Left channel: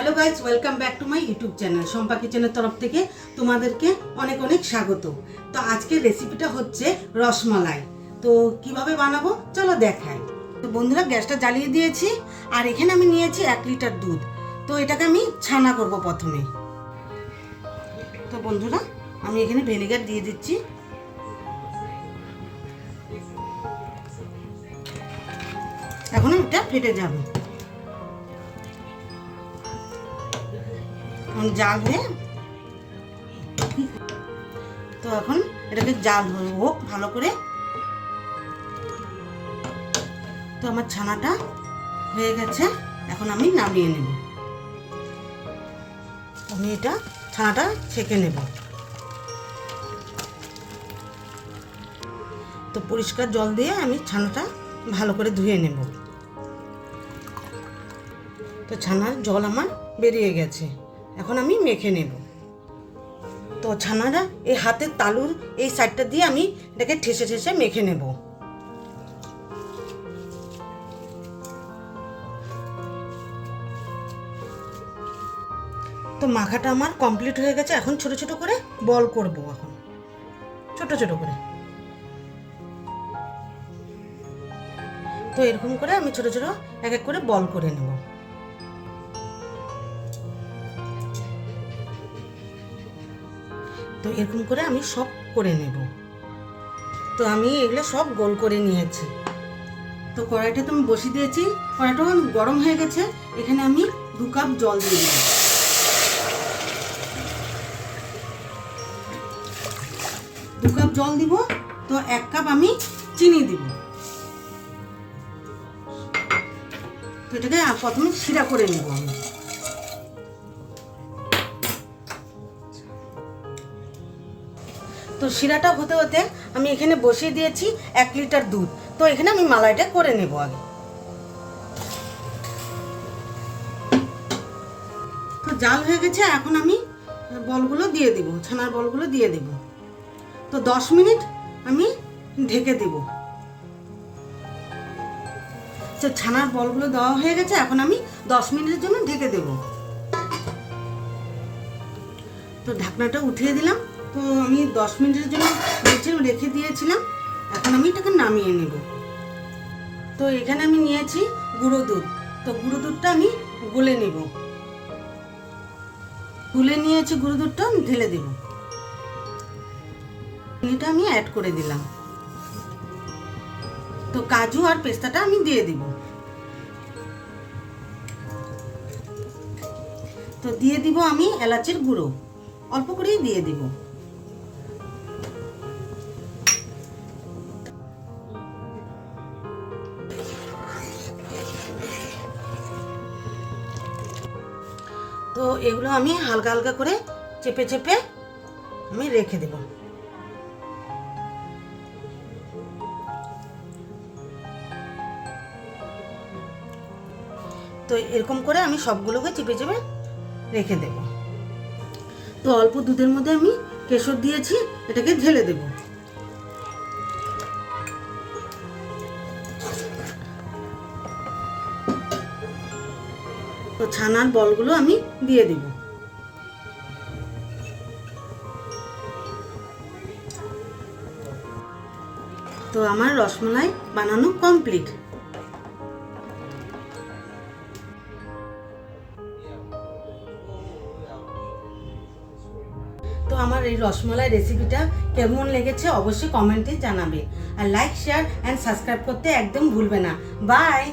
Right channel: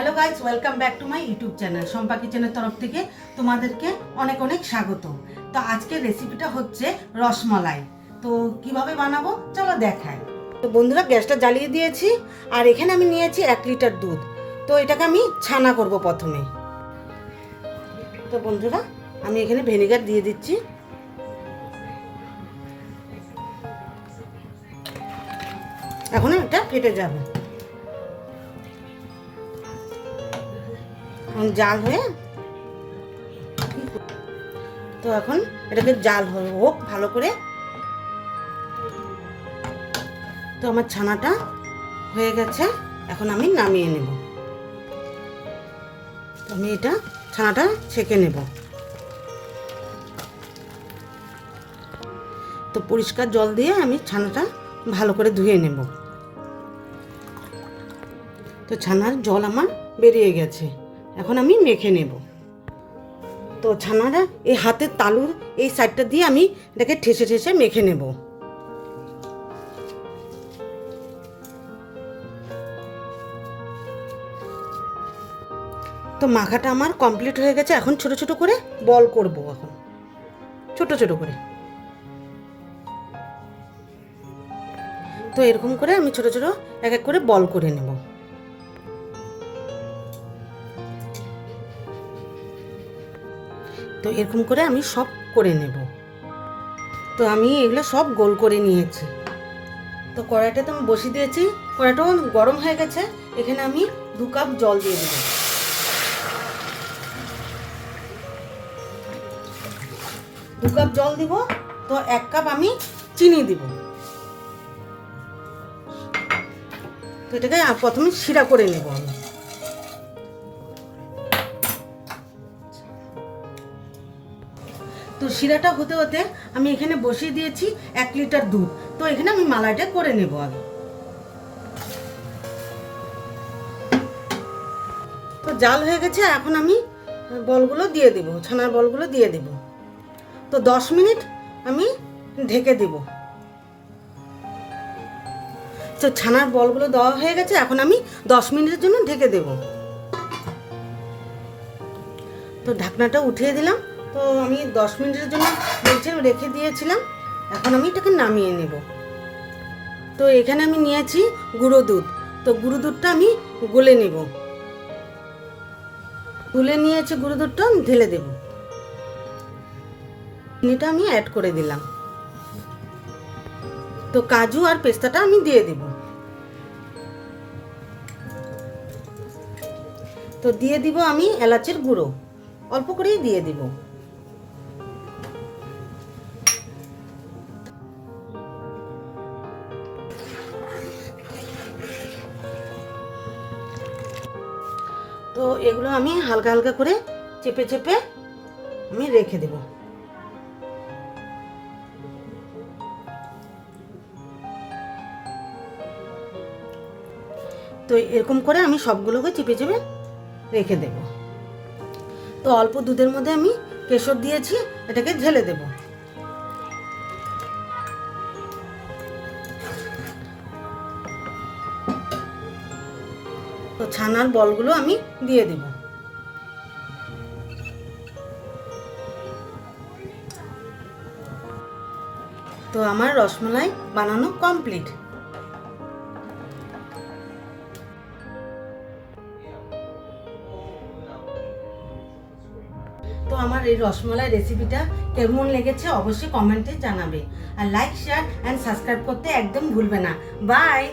Hello guys, welcome back to my YouTube channel. Shampa কিচেনের তরফ থেকে তোমাদেরকে অনেক অনেক স্বাগত। তো আজকের রেসিপিটা হচ্ছে রসমালাই। তো কিভাবে বানাবো চলো দেখাই। তো বন্ধুরা, গ্যাসটা জ্বালিয়ে দিয়েছি আর এখানে আমি নিয়েছি 1 লিটার দুধ। তো এটাকে আমি ছানা করব প্রথমে। তো বন্ধুরা, আমি এখানে ভিনেগার দিয়ে দিচ্ছি। এখন এটা ফেটে যাবে, জাল হয়ে। তো এখন এটাকে জাল হোক ভালো করে। তো আমার ছানাটা হয়ে গেছে, এখন আমি নামিয়ে নেব। আমি এটা ছানাটা ছেঁকে নেব। তো পরিষ্কার জল দিয়ে আমি ছানাটা ভালো করে ধুয়ে নেব। তো ছানার জল আমার বেরিয়ে গেছে, এখন আমি মেখে নেব। তো ছানাটা এই হাতের তালুর এই সাইডটা দিয়ে আমি এটাকে ঠেসে ঠেসে মেখে নেব। তো মাখাটা আমার কমপ্লিট হয়ে গেছে। এখন ছোট ছোট করে বল করব, এখন ছোট ছোট করে। তো এরকম করে আমি ছোট ছোট এক এক করে বল করে নেব। তো এরকম করে আমি সব করে নেব। তো আমি এগুলো সব গোল করে নিয়েছি। তো কড়াইটা তো আমি বসিয়ে দিয়েছি, কড়াইটা গরম হয়ে গেছে। এখানে আমি 2 কাপ জল দিয়ে দিই। 2 কাপ জল দিব। তো 1 কাপ আমি চিনি দিব। তো এটাকে প্রথমে শিরা করে নেব আমি। তো শিরাটা হতে হতে আমি এখানে বসিয়ে দিয়েছি 1 লিটার দুধ। তো এখানে আমি মালাইটা করে নেব আগে। তো জাল হয়ে গেছে, এখন আমি বলগুলো দিয়ে দেব, ছানার বলগুলো দিয়ে দেব। তো 10 মিনিট আমি ঢেকে দেব। তো ছানার বলগুলো দেওয়া হয়ে গেছে, এখন আমি 10 মিনিটের জন্য ঢেকে দেব। তো ঢাকনাটা উঠিয়ে দিলাম। তো আমি 10 মিনিটের জন্য রেখে দিয়েছিলাম। এখন আমি এটাকে নামিয়ে নেব। তো এখানে আমি নিয়েছি গুঁড়ো দুধ। তো গুঁড়ো দুধটা আমি গলে নেব। গুলে নিয়েছি গুঁড়ো দুধটা ঢেলে দেব। চিনিটা আমি অ্যাড করে দিলাম। তো কাজু আর পেস্তাটা আমি দিয়ে দেব। তো দিয়ে দিব আমি এলাচের গুঁড়ো, অল্প করেই দিয়ে দিব। তো এগুলো আমি হালকা হালকা করে চেপে চেপে আমি রেখে দেব। তো এরকম করে আমি সবগুলোকে চেপে চেপে রেখে দেব। তো অল্প দুধের মধ্যে আমি কেশর দিয়েছি, এটাকে ঢেলে দেব। তো ছানার বলগুলো আমি দিয়ে দিব। তো আমার রসমালাই বানানো কমপ্লিট। তো আমার এই রসমালাই রেসিপিটা কেমন লেগেছে অবশ্যই কমেন্টে জানাবে। আর লাইক, শেয়ার অ্যান্ড সাবস্ক্রাইব করতে একদম ভুলবে না। বাই।